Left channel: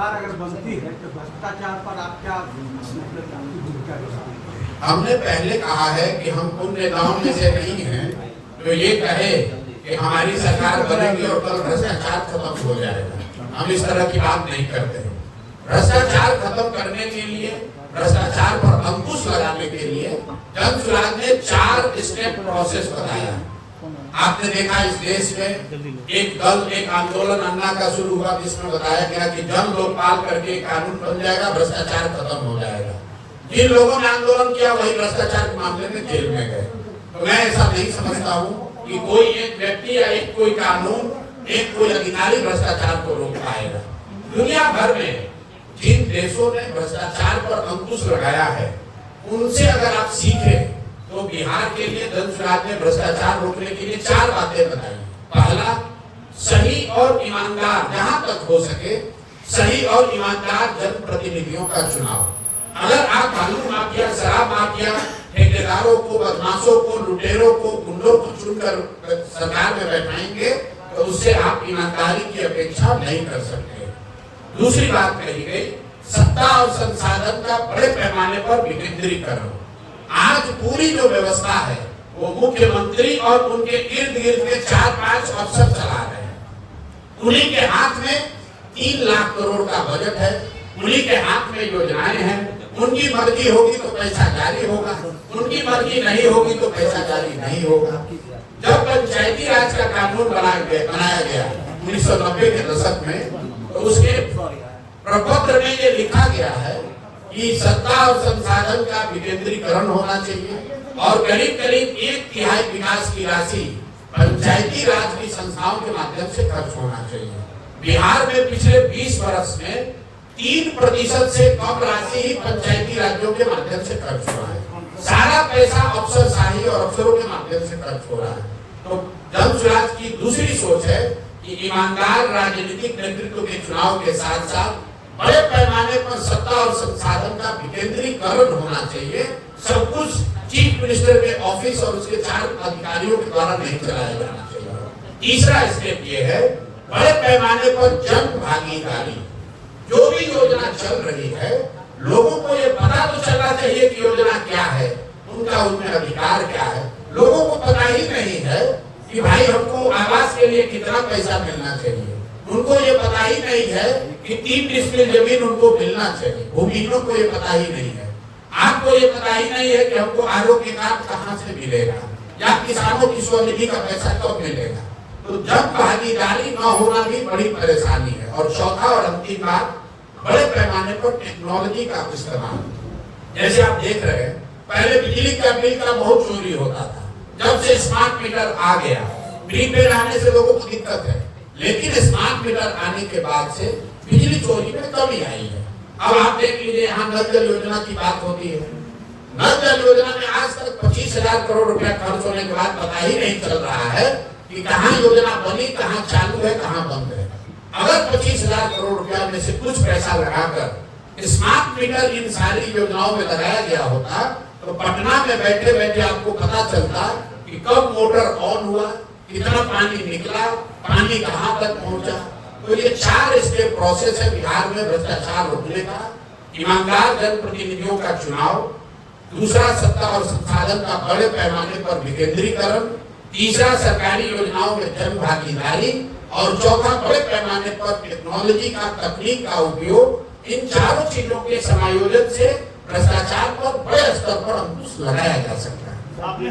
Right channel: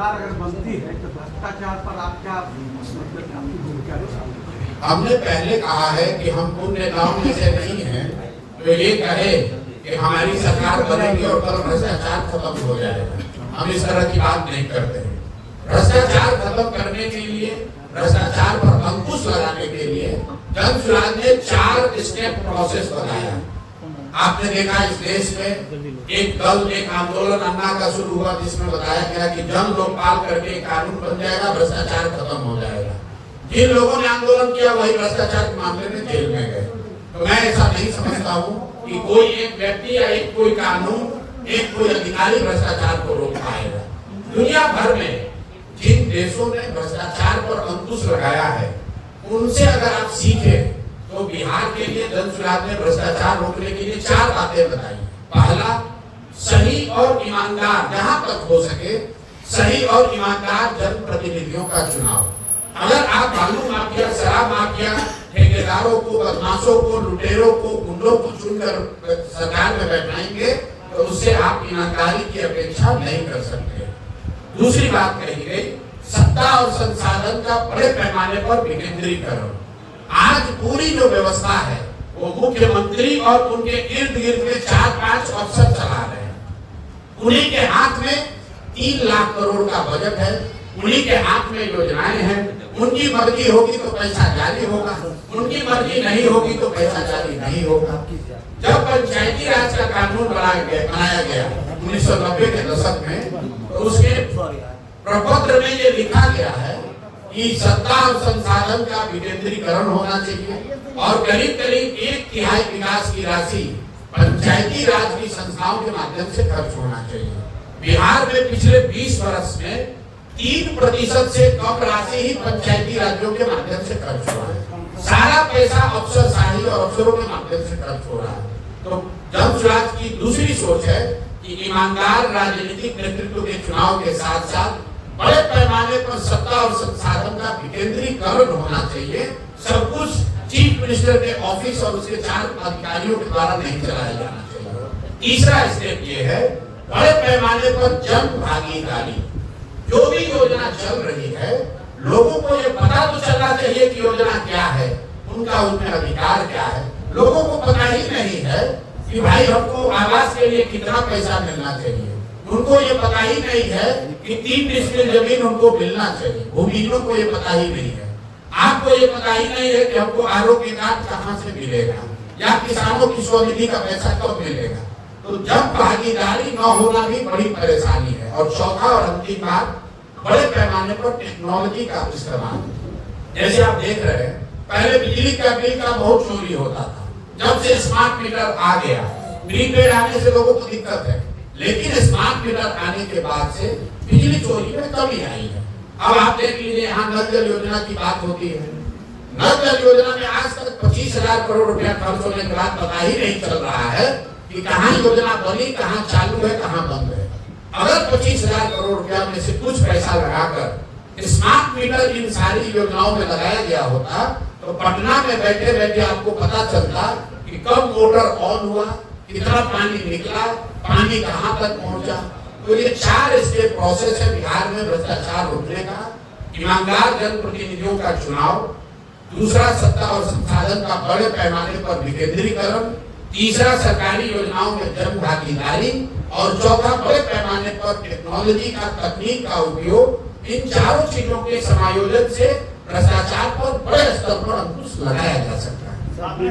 सरकार अगर बनती है तो भ्रष्टाचार पर आप क्या भूमिका रखेंगे? हमने पहले कहा है कि हम उन नेताओं में से नहीं हैं तो ये कहे कि हमारी सरकार बनेगी और कल भ्रष्टाचार खत्म हो जाएगा। हम इस तरह की बात नहीं करते हैं। भ्रष्टाचार खत्म करने के लिए, भ्रष्टाचार पर अंकुश लगाने के लिए जन सुराज ने 4 स्टेप प्रोसेस बताया। आपने देखा इस देश में एक दल, एक आंदोलन अन्ना का शुरू हुआ जिसमें बताया गया कि जन लोकपाल करके कानून बन जाएगा, भ्रष्टाचार खत्म हो जाएगा। जिन लोगों ने आंदोलन किया वही भ्रष्टाचार के मामले में जेल में गए। तो मैं ऐसा नहीं समझता हूँ कि कोई एक व्यक्ति या एक कोई कानून, एक कोई अधिकारी भ्रष्टाचार को रोक पाएगा। दुनिया भर में जिन देशों ने भ्रष्टाचार पर अंकुश लगाया है उनसे अगर आप सीखे तो बिहार के लिए जन सुराज ने भ्रष्टाचार रोकने के लिए 4 बातें बताई। पहला, सही और ईमानदार, जहां तक हो सके सही और ईमानदार जनप्रतिनिधियों का चुनाव। अगर आप बालू माफिया, शराब माफिया, ठेकेदारों को, बदमाशों को, लुटेरों को, गुंडों को चुनकर सरकार में बैठाएंगे तो उससे आप ईमानदारी की अपेक्षा नहीं कर सकते। दूसरी बात कही गई, सत्ता और संसाधन का बड़े पैमाने पर विकेंद्रीकरण। आज पूरी जो व्यवस्था है वो मुख्यमंत्री और उनके इर्द गिर्द के 4-5 अफसर चला रहे हैं। उन्हीं के हाथ में 3 लाख करोड़ का बजट है, उन्हीं के हाथ में योजनाएं हैं। उनकी मर्जी होगी तो पैसा जारी होगा, उनकी मर्जी नहीं होगी तो पैसा जारी नहीं होगा। जब पंचायती राज का कानून बनाया गया 1990 के दशक में, तो उसके प्रपत्र में ये लिखा गया है कि सत्ता और संसाधन का विकेंद्रीकरण होना चाहिए और करीब करीब 1/3 विकास की राशि पंचायती राज की संस्थाओं के माध्यम से खर्च होना चाहिए। बिहार में पिछले 20 वर्ष में 3% से कम राशि ही पंचायती राज्यों के माध्यम से खर्च हो रहा है। सारा पैसा अफसरशाही और अफसरों के माध्यम से खर्च हो रहा है। तो जन सुराज की दूसरी सोच है कि ईमानदार राजनीतिक नेतृत्व के चुनाव के साथ साथ बड़े पैमाने पर सत्ता और संसाधन का विकेंद्रीकरण होना चाहिए। सब कुछ चीफ मिनिस्टर के ऑफिस और उसके 4 अधिकारियों के द्वारा नहीं चलाया जाना चाहिए। तीसरा स्टेप ये है, बड़े पैमाने पर जन भागीदारी। जो भी योजना चल रही है, लोगों को ये पता तो चलना चाहिए कि योजना क्या है, उनका उनमें अधिकार क्या है। लोगों को पता ही नहीं है कि भाई हमको आवास के लिए कितना पैसा मिलना चाहिए। उनको ये पता ही नहीं है कि 3 डिसमिल जमीन उनको मिलना चाहिए। भूमिहीनों को ये पता ही नहीं है। आपको ये पता ही नहीं है कि हमको आरोग्य कार्ड कहाँ से मिलेगा या किसानों की स्वनिधि का पैसा कब मिलेगा। तो जब भागीदारी न होना भी बड़ी परेशानी है। और चौथा और अंतिम बात, बड़े पैमाने पर टेक्नोलॉजी का इस्तेमाल। जैसे आप देख रहे हैं, पहले बिजली का बिल का बहुत चोरी होता था। जब से स्मार्ट मीटर आ गया, प्रीपेड आने से लोगों को दिक्कत है, लेकिन स्मार्ट मीटर आने के बाद से बिजली चोरी में कमी आई है। अब आप देख लीजिए, यहाँ नल जल योजना की बात होती है। नल जल योजना में आज तक 25,000 करोड़ रुपया खर्च होने के बाद पता ही नहीं चल रहा है कि कहाँ योजना बनी, कहाँ चालू है, कहाँ बंद है। अगर 25,000 करोड़ रुपया में से कुछ पैसा लगाकर स्मार्ट मीटर इन सारी योजनाओं में लगाया गया होता तो पटना में बैठे बैठे आपको पता चलता कि कब मोटर ऑन हुआ, कितना पानी निकला, पानी कहाँ तक पहुंचा। तो ये 4 स्टेप प्रोसेस है बिहार में भ्रष्टाचार रोकने का। ईमानदार जनप्रतिनिधियों का चुनाव, दूसरा सत्ता और संसाधन का बड़े पैमाने पर विकेंद्रीकरण, तीसरा सरकारी योजनाओं में जन भागीदारी और चौथा बड़े पैमाने पर टेक्नोलॉजी का, तकनीक का उपयोग। इन 4 चीजों के समायोजन से भ्रष्टाचार पर बड़े स्तर पर अंकुश लगाया जा सकता है।